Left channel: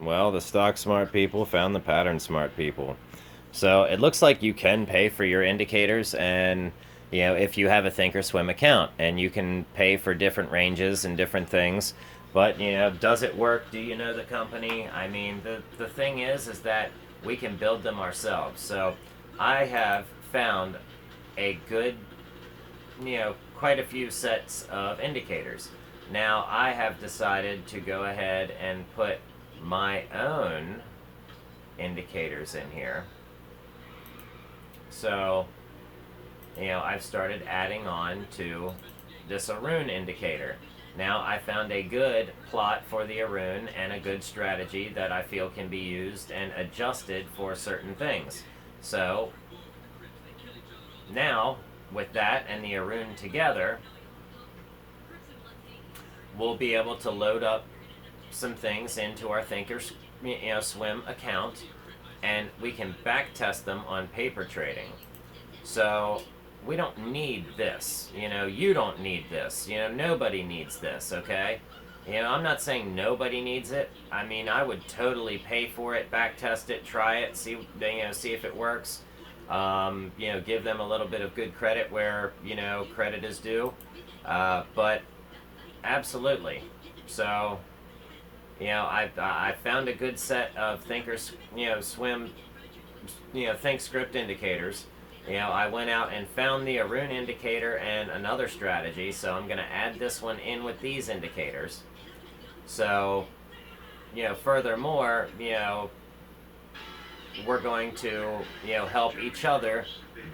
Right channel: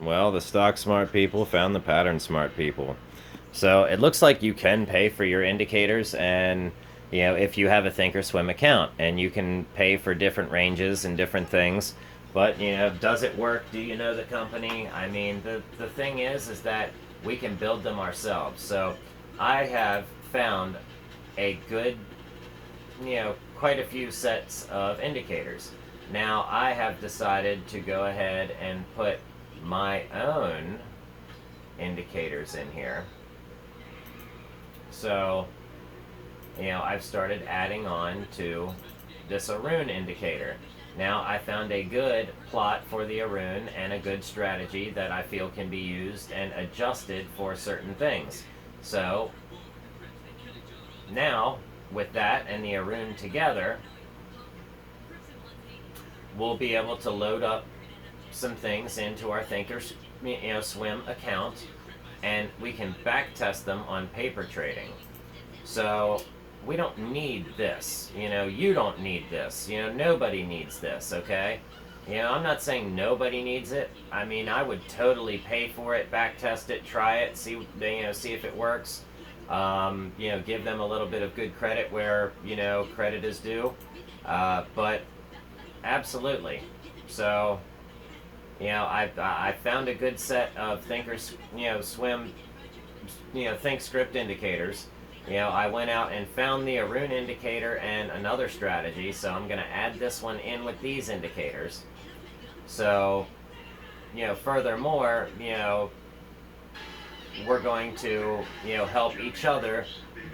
Well, the stock smart people found the pattern smart people. So it looks like you can pay for your indicators, and if you have a thinkorswim account, and you can pay for different ranges and different things. But does it work? Do you know the company? I mean, the thing is that we can build them ourselves. So I have found a good, quite a few sets of indicators. Now I have decided to go ahead and put my own indicators in here. So, I've started adding on to this Arun indicator. Now I found a good plot for the Arun and a good strategy that I feel can be used and adjusted for certain things. So now, with that and the Arun together, we'll be able to load up some things into our thinkorswim account, and we can back test them on paper trading. So we don't need this. You don't need this. Nobody needs this, okay? I'm not saying nobody needs it. I mean, I would totally pay for it, back test it, try it, see if it works. Give them a little bit of good credit where credit is due. But absolutely. So I found a good set of thinkscript indicators. I went out and found the Arun indicator and another strategy, so I'm going to add this one in with these indicators. So, furthermore, we're going to, help each other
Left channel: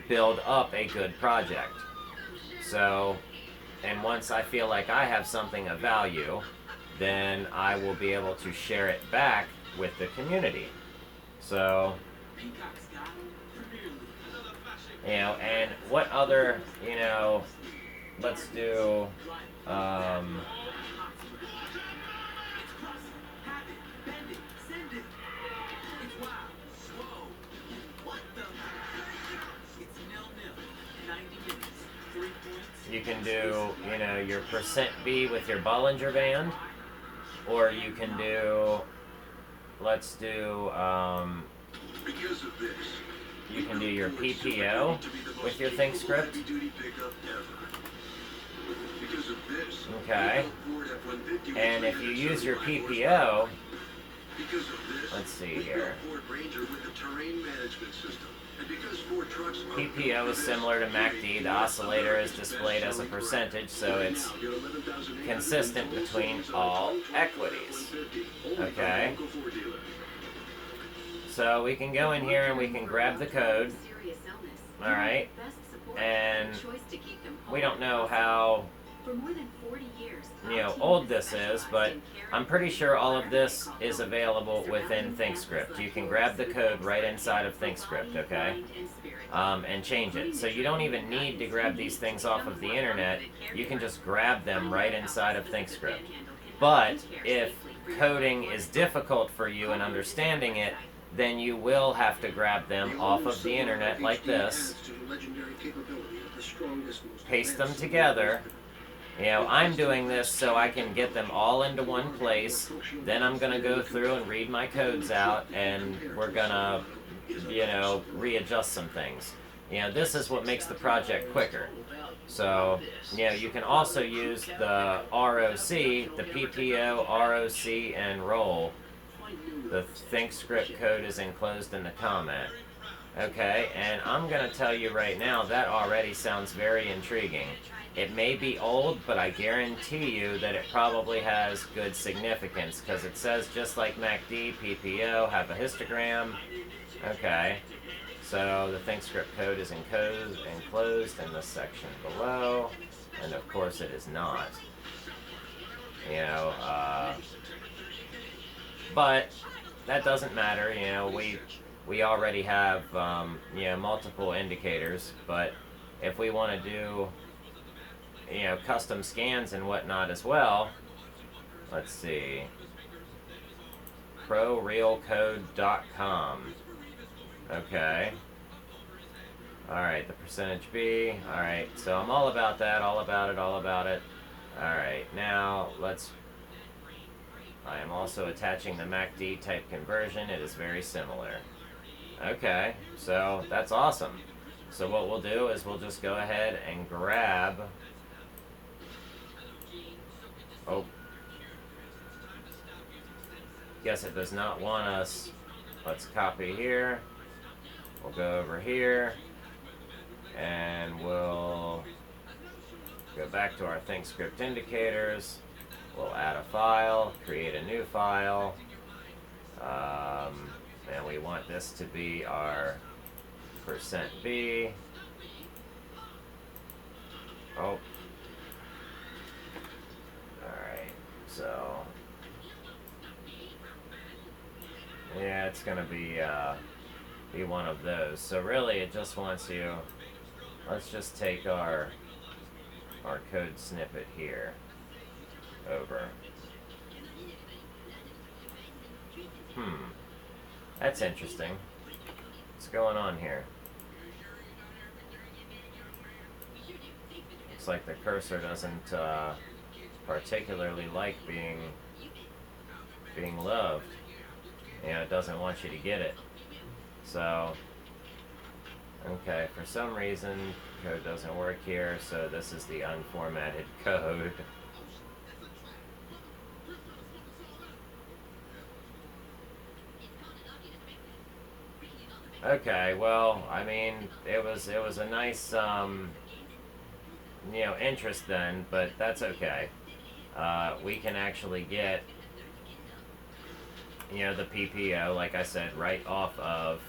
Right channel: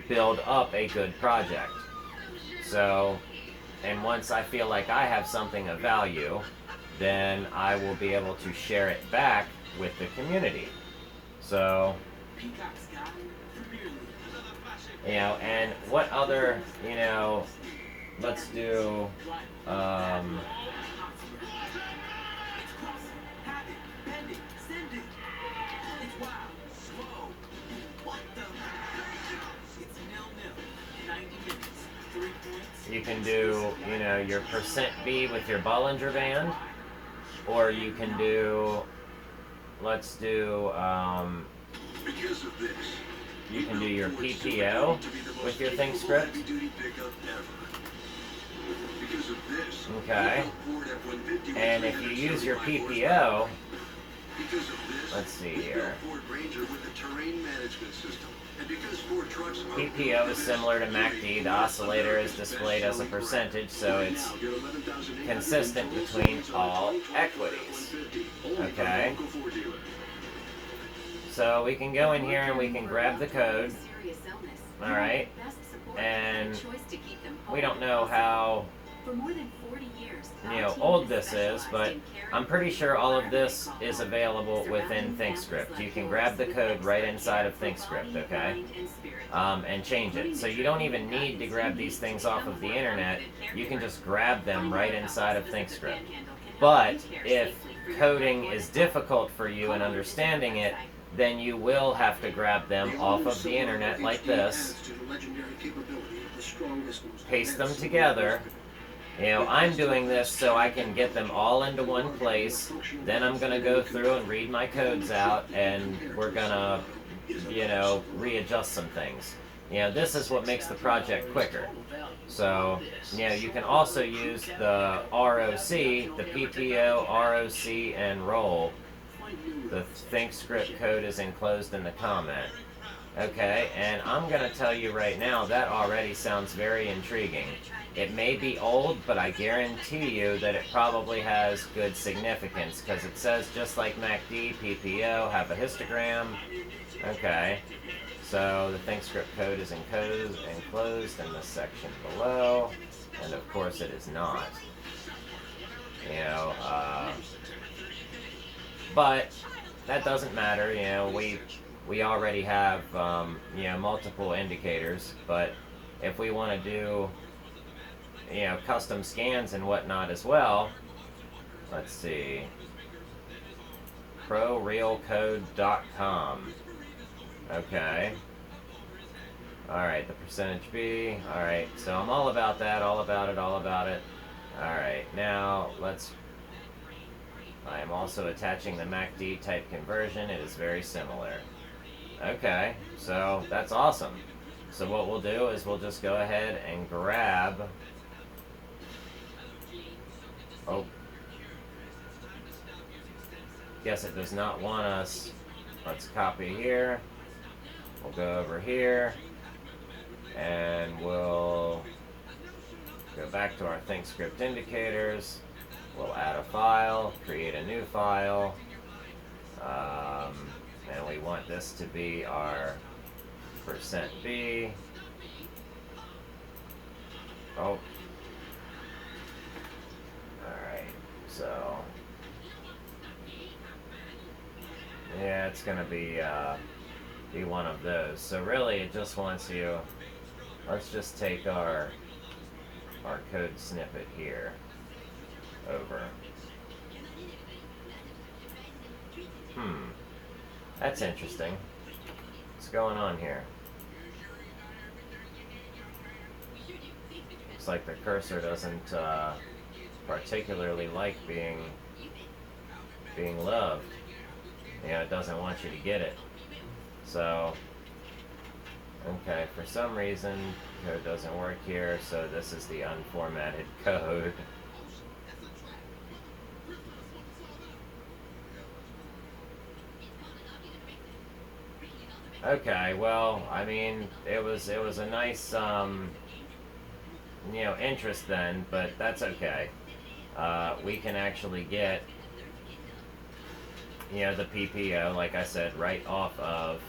build up a good project. So, and once I feel like I have something of value, then I will be able to share it back with the community. So, and what other, let's do, you can do, your percent B with your Bollinger Band, or you can do, let's do, you can do your PPO with your thinkscript. Okay. And if you use your PPO, let's see here. PPO is similar to MACD. The oscillator is displayed as a percentage, so it's consistent between all equities. Okay. So we can go in here and we can grab the code. Alright. And we don't know how old this is, but I'm pretty sure all of this is available within thinkscript. You can grab the code right inside of thinkscript, okay? And change it. So you don't even need to grab these things off of the internet. You can just grab them right inside of thinkscript. But if coding is difficult for you and understanding it, then you will have to grab them off of the internet like this, paste them together. I'm doing this so I can get them all into one place. Then I'm going to go through and read my codes out, and we're going to, readjust some things. This is what makes the project quicker. So, you can also use the ROC, the PPO, ROC, and roll. The thinkscript code is enclosed in the comment. Okay, and I'm going to tell you right now, that already sounds very intriguing. It may be old, but I guarantee you that it probably has good significance, because it says just like MACD, PPO, have a histogram. Okay, so the thinkscript code is enclosed in this section below, and of course it is not. But that doesn't matter. We already have multiple indicators, but if we want to do custom scans and whatnot as well, let's see, prorealcode.com. Okay. Alright, the percentage B. Alright, so I'm all about that, all about it. Alright, now let's I am also attaching the MACD type conversion. It is very similar. Okay, so that's awesome. So what we'll do is we'll just go ahead and grab... Oh. Guess it does not want us. Let's copy here. We'll go over here. And we'll go back to our thinkscript indicators. We'll add a file, create a new file. And we want this to be our %B. Oh. Alright, so yeah, it's gonna be one of those. So really it just wants you, let's just take our code snippet here over. That's interesting. What's going on here? Looks like the cursor doesn't particularly like being loved. It doesn't want you to get it. So, okay, for some reason code doesn't work here, so this is the unformatted code. Okay, well, I mean, it was a nice interest then, but that's okay. We can actually get the PPO, like I said, right off of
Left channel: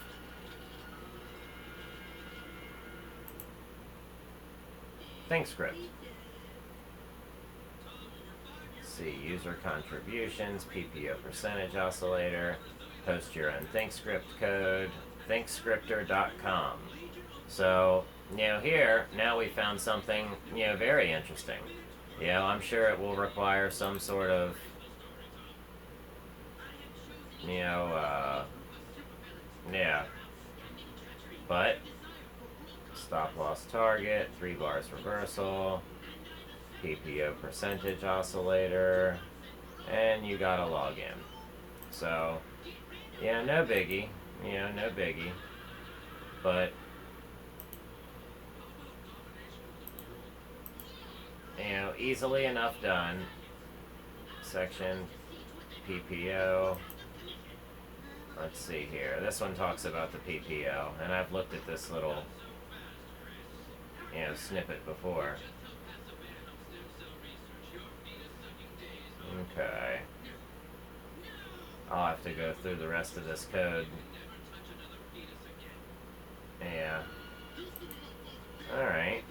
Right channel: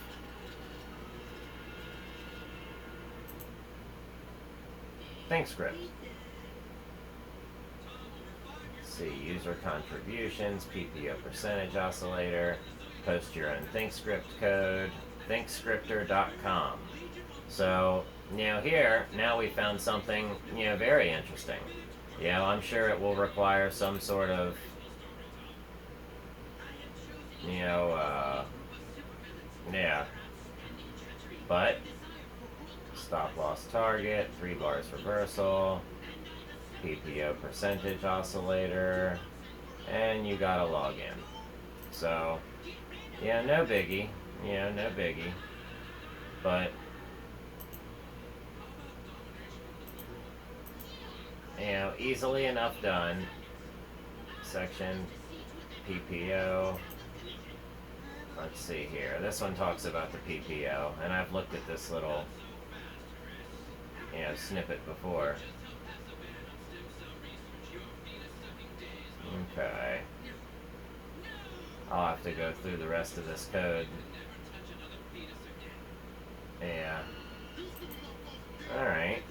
thinkscript. Let's see, user contributions, PPO percentage oscillator, post your own thinkscript code, thinkscriptor.com. So, here, now we found something, very interesting. I'm sure it will require some sort of, but stop loss target, 3 bars reversal, PPO percentage oscillator, and you gotta log in. So, no biggie, no biggie, but easily enough done. Section PPO. Let's see here. This one talks about the PPO, and I've looked at this little snippet before. Okay. I'll have to go through the rest of this code. Yeah. Alright.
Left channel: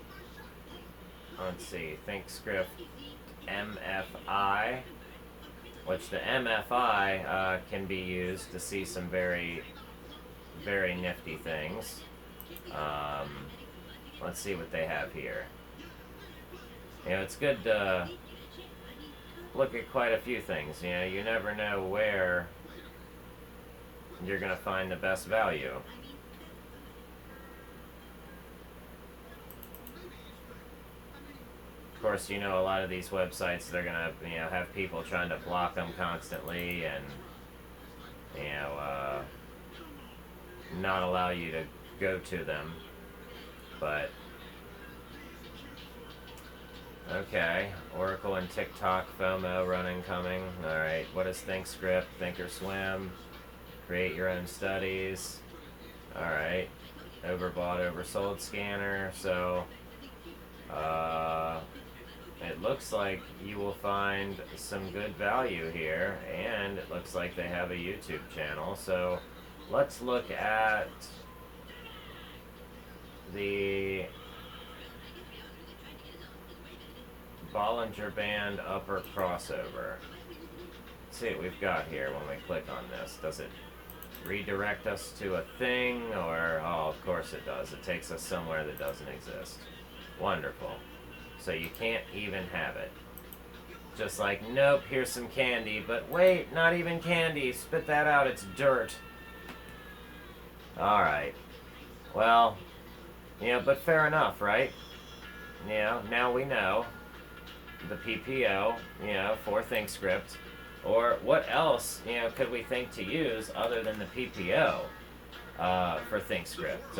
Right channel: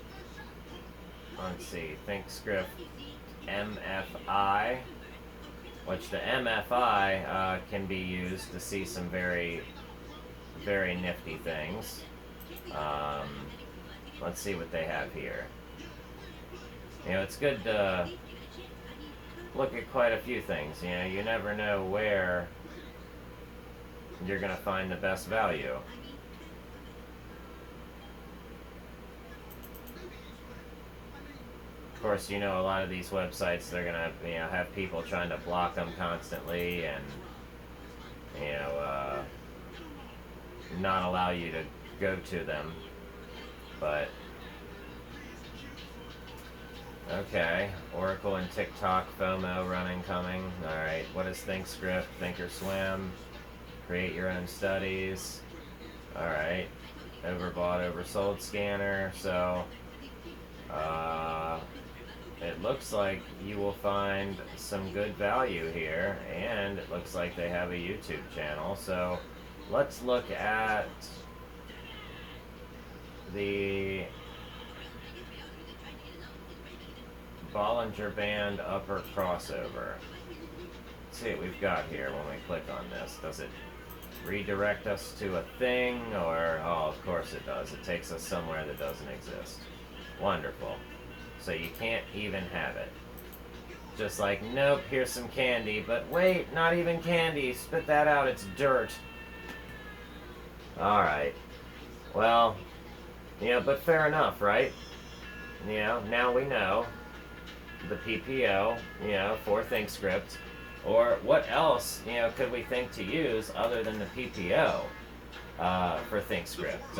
Let's see. thinkscript MFI. Which the MFI can be used to see some very, very nifty things. Let's see what they have here. It's good to look at quite a few things. You never know where you're going to find the best value. Of course, a lot of these websites, they're going to have people trying to block them constantly and not allow you to go to them. But okay, Oracle and TikTok, FOMO, running, coming. Alright, what is thinkscript? Thinkorswim. Create your own studies. Alright, overbought, oversold scanner. So it looks like you will find some good value here, and it looks like they have a YouTube channel. So let's look at the Bollinger Band upper crossover. Let's see what we've got here when we click on this. Does it redirect us to a thing, or oh, of course it does. It takes us somewhere that doesn't exist. Wonderful. So you can't even have it. Just like, nope, here's some candy, but wait, not even candy. Spit that out, it's dirt. Alright. Well, but fair enough, right? Now we know the PPO, for thinkscript, Or what else, could we think to use other than the PPO for thinkscript?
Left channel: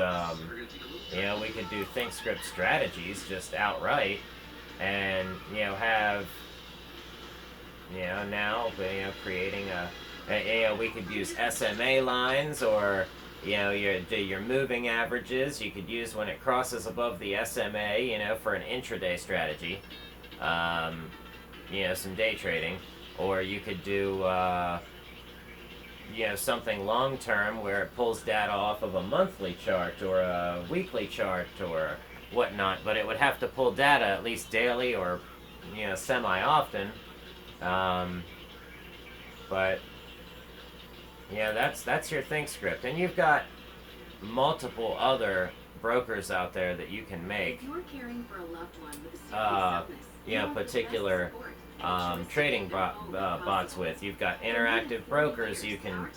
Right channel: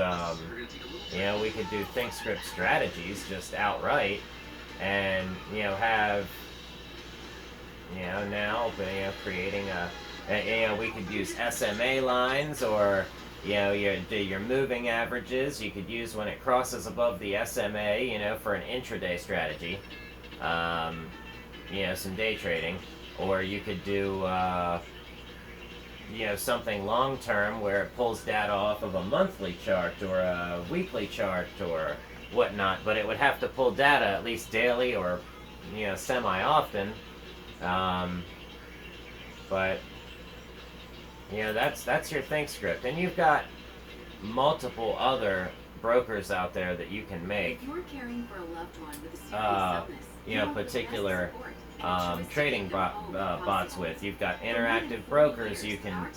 We could do thinkscript strategies just outright, and have now creating we could use SMA lines, or your moving averages. You could use when it crosses above the SMA, for an intraday strategy. Some day trading, or you could do something long term where it pulls data off of a monthly chart or a weekly chart or whatnot, but it would have to pull data at least daily or semi often. But that's your thinkscript, and you've got multiple other brokers out there that you can make. If you're caring for a loved one with a serious illness, particular trading bots with. You've got interactive brokers you can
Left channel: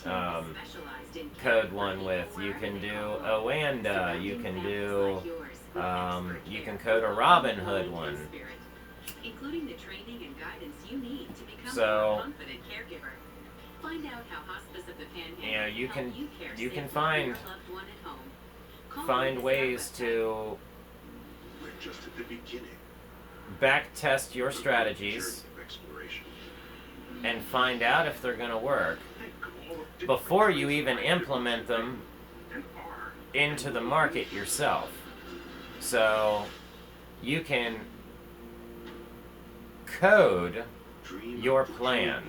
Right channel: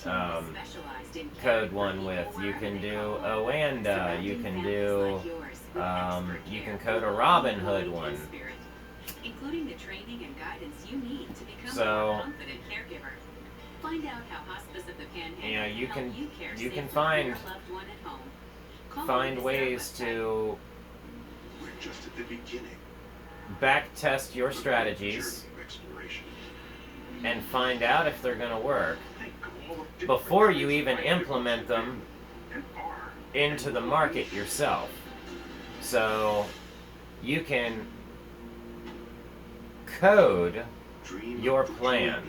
code one with. You can do Oanda. You can do you can code a Robinhood one. Including the training and guidance you need to become a more confident caregiver. Find out how Hospice of the Panhandle you can find ways to just at the beginning. Back test your strategies and find out if they're going to work before you even implement them into the market yourself. So you can code your plan,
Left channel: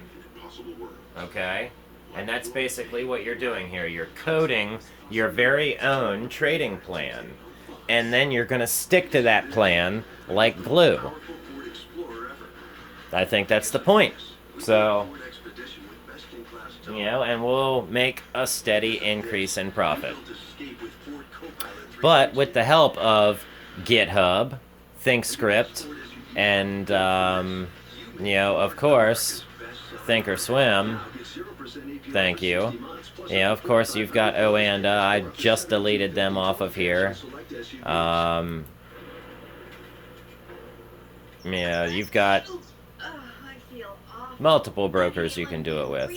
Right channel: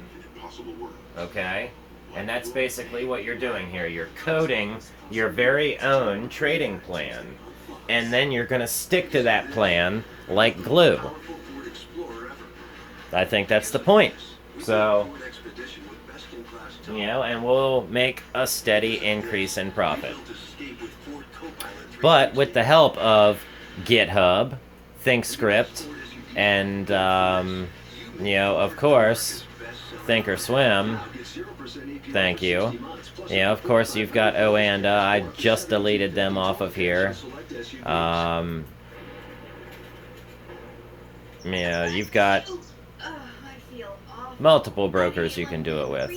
okay? And that's basically what you're doing here. You're coding your very own trading plan, and then you're going to stick to that plan like glue. I think that's the point. So, and we'll make a steady increase in profit. But with the help of GitHub, thinkscript, and, of course, thinkorswim. Thank you. Of course, you've got Oanda. I just deleted them off of here. You've got multiple brokers you can do it with.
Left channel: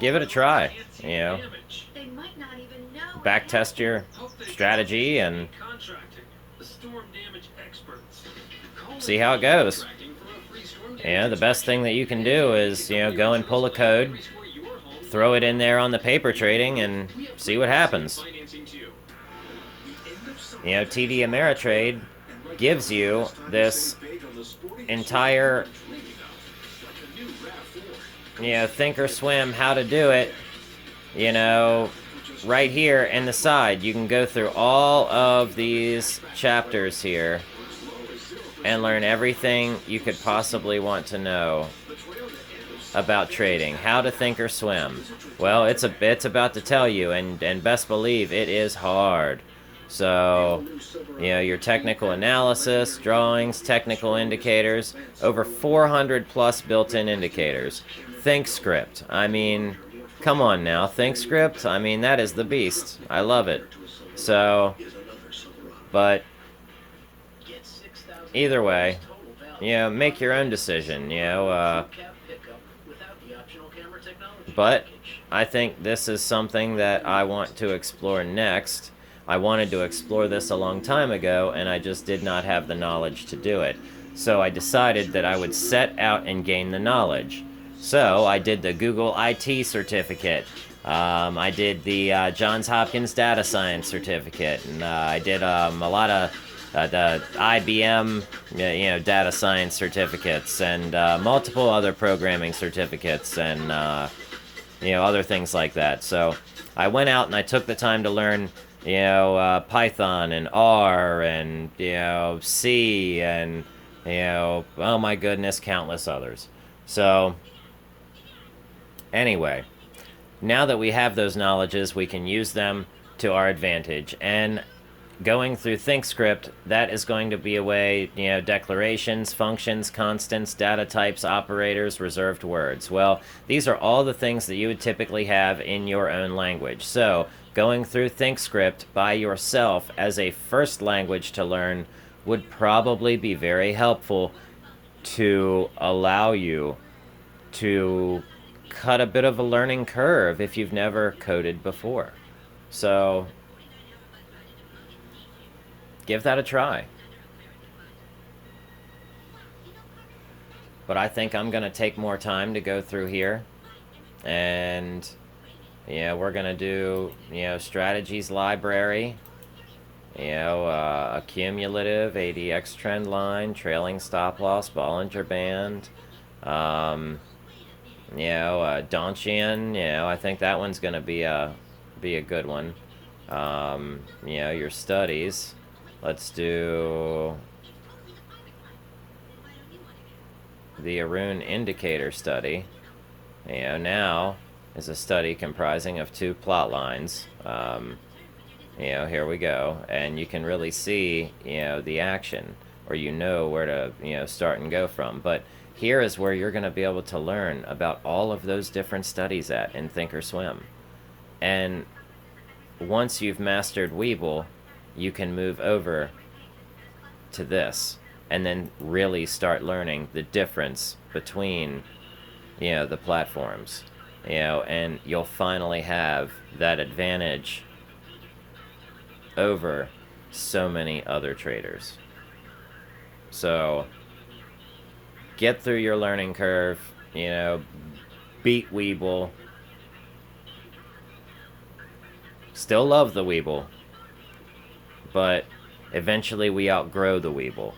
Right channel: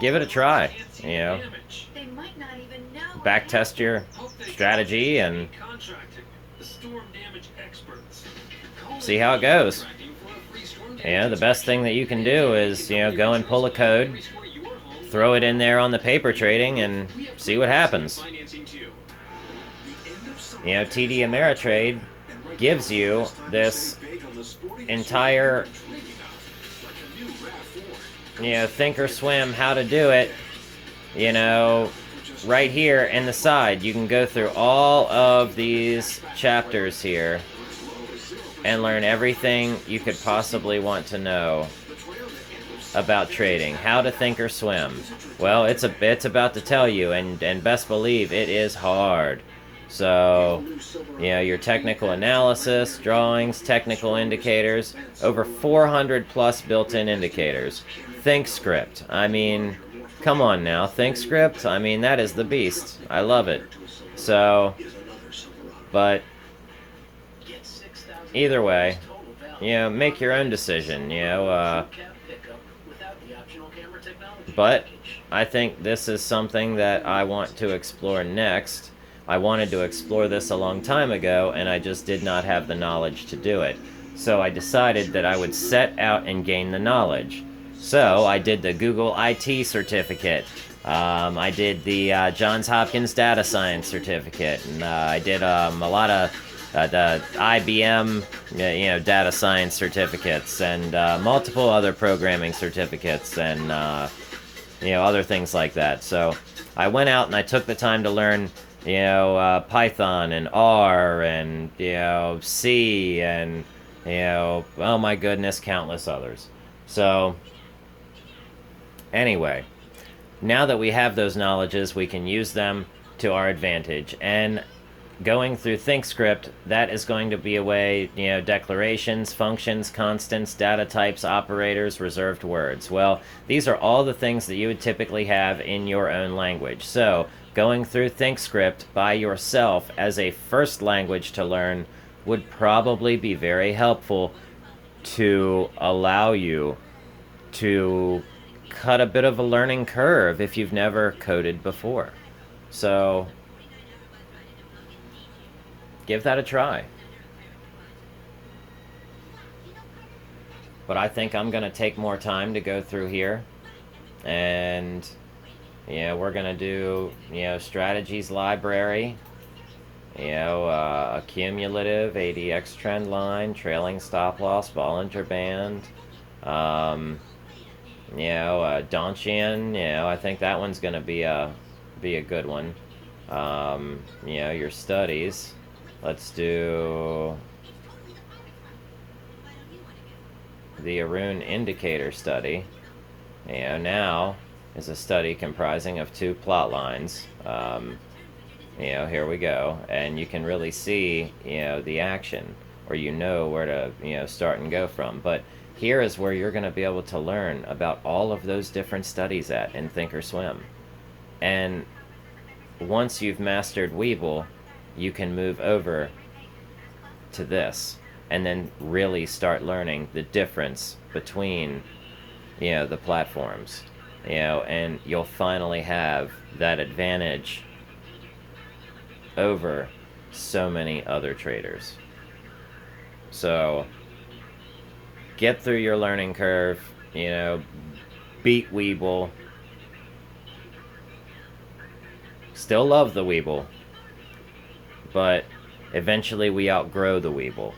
Give it a try. Backtest your strategy and see how it goes. The best thing that you can do is, go and pull a code, throw it in there on the paper trading, and see what happens. TD Ameritrade gives you this entire, thinkorswim, how to do it, right here in the side. You can go through all of these chapters here and learn everything you could possibly want to know about trading. How to thinkorswim. Well, it's about to tell you, and best believe it is hard. So, your technical analysis, drawings, technical indicators, over 400 plus built-in indicators. Thinkscript. I mean, come on now. Thinkscript, I mean, that is the beast. I love it. So, but either way, make your own decision, but I think this is something that I want to explore next. I wanted to explore this a long time ago, and I just did not have the knowledge to do it. So I decided that I would set out and gain the knowledge. So I did the Google IT certificate. I did the Johns Hopkins Data Science certificate, and I did a lot of the IBM, data science certificates, and multiple other programming certificates, and other things like that. So I went out and I took the time to learn, Python and R and C and oh my goodness, countless others. So anyway, now that we have those knowledges, we can use them to our advantage. And going through thinkscript, that is going to be a way, declarations, functions, constants, data types, operators, reserved words. Well, these are all the things that you would typically have in your own language. So going through thinkscript by yourself as a first language to learn would probably be very helpful to allow you to cut a bit of a learning curve if you've never coded before. So give that a try. But I think I'm going to take more time to go through here. And, we're going to do, strategies library, a cumulative, ADX trend line, trailing stop loss, Bollinger Band, Donchian, I think that one's going to be a good one. Your studies. Let's do the Arun indicator study. Now is a study comprising of 2 plot lines. Here we go, and you can really see, the action, or where to, start and go from. But here is where you're going to be able to learn about all of those different studies in thinkorswim. And once you've mastered Weeble, you can move over to this and then really start learning the difference between, the platforms, and you'll finally have that advantage over so many other traders. So get through your learning curve, beat Weeble. Still love the Weeble, but eventually we outgrow the Weeble.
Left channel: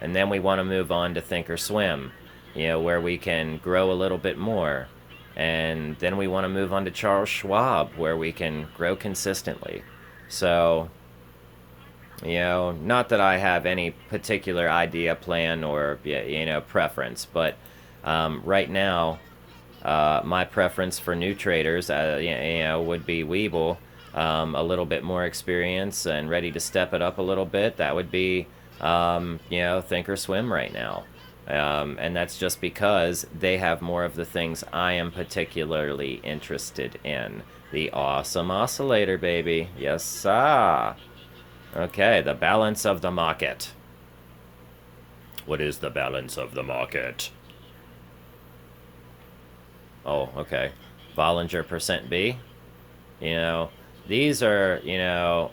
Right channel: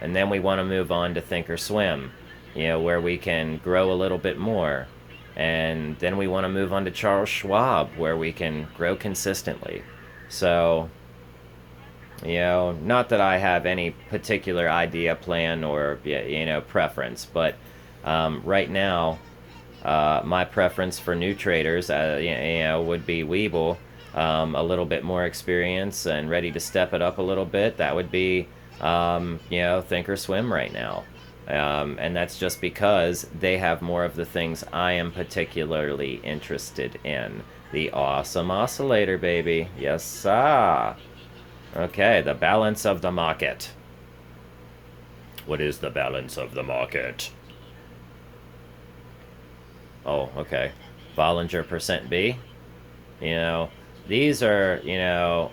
And then we want to move on to thinkorswim, where we can grow a little bit more. And then we want to move on to Charles Schwab, where we can grow consistently. So, not that I have any particular idea, plan, or, preference, but right now, my preference for new traders, would be Weeble. A little bit more experience and ready to step it up a little bit, that would be, thinkorswim right now. And that's just because they have more of the things I am particularly interested in. The awesome oscillator, baby. Yes, sir. Okay, the balance of the market. What is the balance of the market? Oh, okay. Bollinger percent B. These are, oh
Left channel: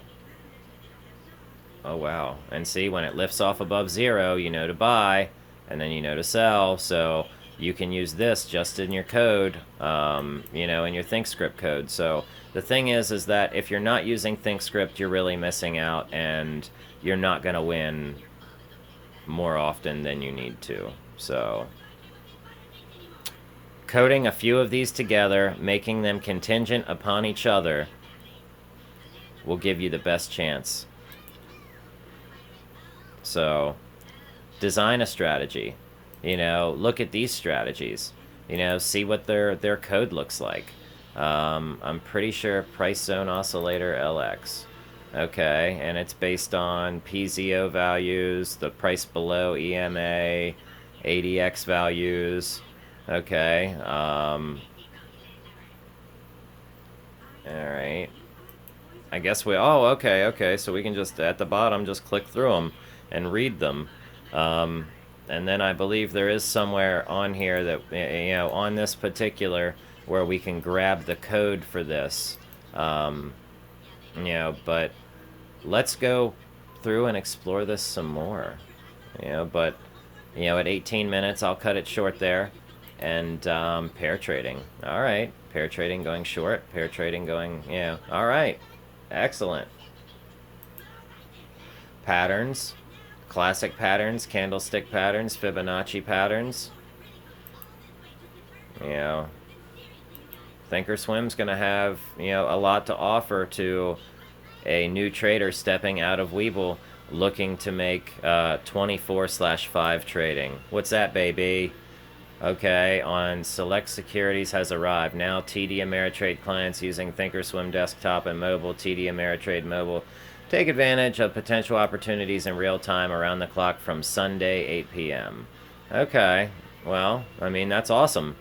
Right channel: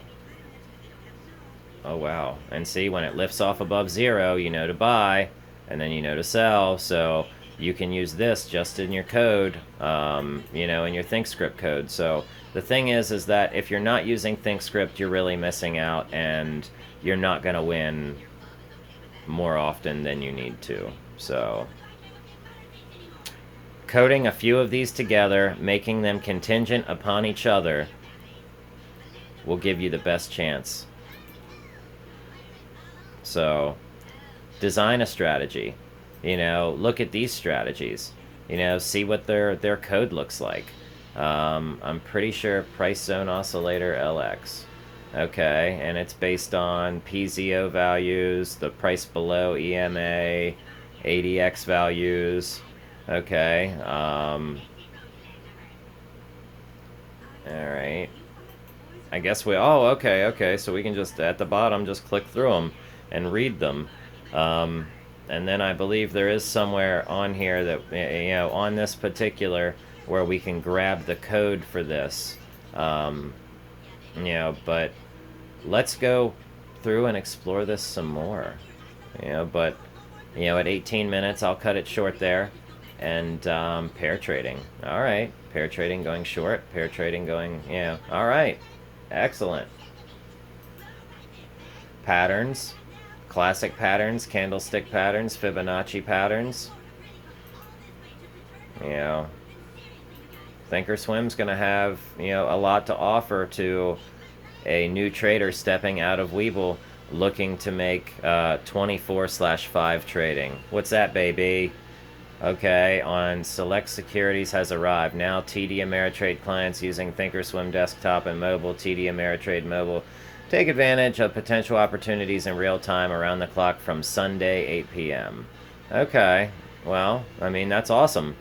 wow. And see, when it lifts off above 0, to buy, and then to sell. So you can use this just in your code, in your thinkscript code. So the thing is that if you're not using thinkscript, you're really missing out, and you're not going to win more often than you need to. So coding a few of these together, making them contingent upon each other, will give you the best chance. So design a strategy. Look at these strategies. See what their code looks like. I'm pretty sure price zone oscillator LX. Okay, and it's based on PZO values, the price below EMA, ADX values. Okay. Alright. I guess okay, so we can just, at the bottom, just click through them and read them. And then I believe there is somewhere on here that, on this particular, where we can grab the code for this. But let's go through and explore this some more. But, at 18 minutes, I'll cut it short there. And pair trading. All right, pair trading going short, pair trading going, all right, excellent. Patterns, classic patterns, candlestick patterns, Fibonacci patterns. Thinkorswim's going to have, a lot to offer to a new trader stepping out of Weeble looking to make 24/5 trading. What's that, baby? Okay, on select securities has arrived. Now TD Ameritrade clients using thinkorswim desktop and mobile, TD Ameritrade mobile. Take advantage of potential opportunities in real time around the clock from Sunday, 8 p.m. Okay, well, that's awesome.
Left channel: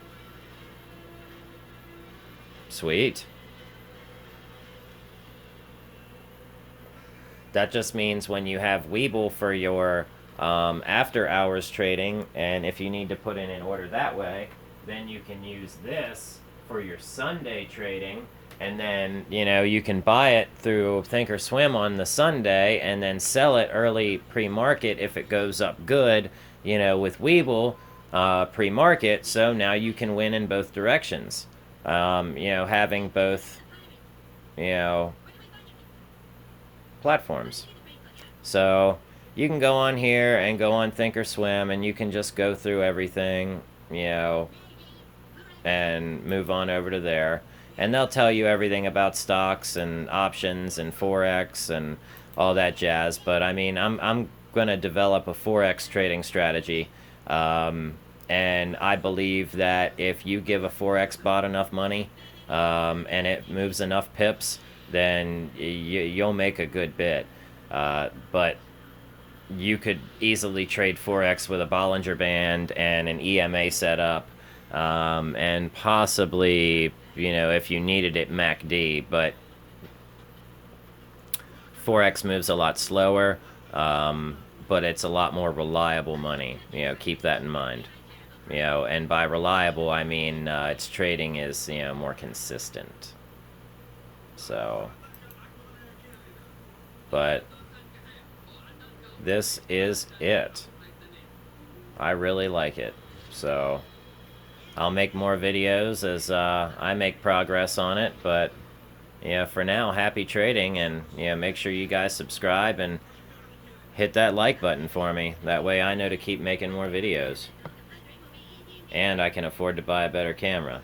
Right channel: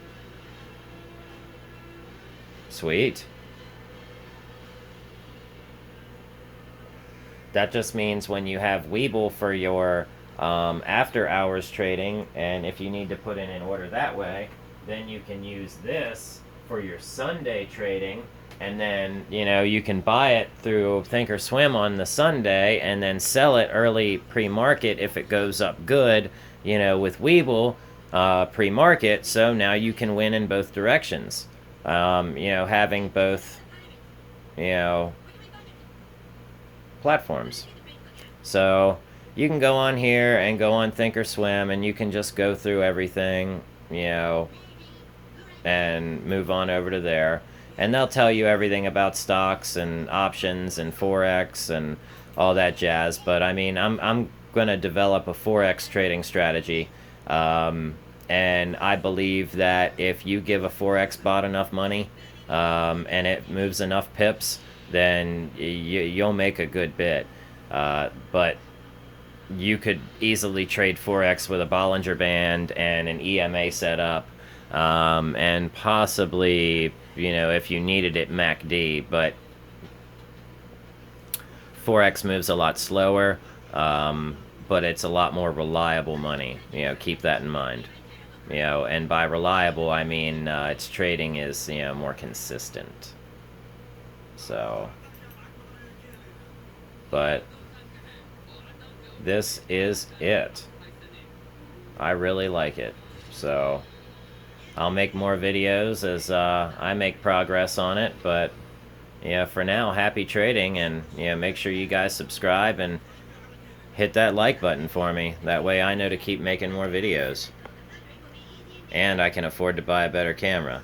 Sweet. That just means when you have Weeble for your after hours trading, and if you need to put in an order that way, then you can use this for your Sunday trading, and then you can buy it through thinkscript on the Sunday and then sell it early pre-market if it goes up good, with Webull pre-market. So now you can win in both directions, having both platforms. So you can go on here and go on thinkscript, and you can just go through everything, and move on over to there, and they'll tell you everything about stocks and options and forex and all that jazz. But I mean, I'm gonna develop a forex trading strategy, and I believe that if you give a forex bot enough money, and it moves enough pips, then you'll make a good bit. But you could easily trade forex with a Bollinger Band and an EMA setup, and possibly, if you needed it, MACD. But forex moves a lot slower, but it's a lot more reliable money. Keep that in mind. And by reliable, I mean its trading is more consistent. So, but this is it. I really like it. So I'll make more videos as I make progress on it. But for now, happy trading, and make sure you guys subscribe and hit that like button for me. That way I know to keep making more videos, and I can afford to buy a better camera.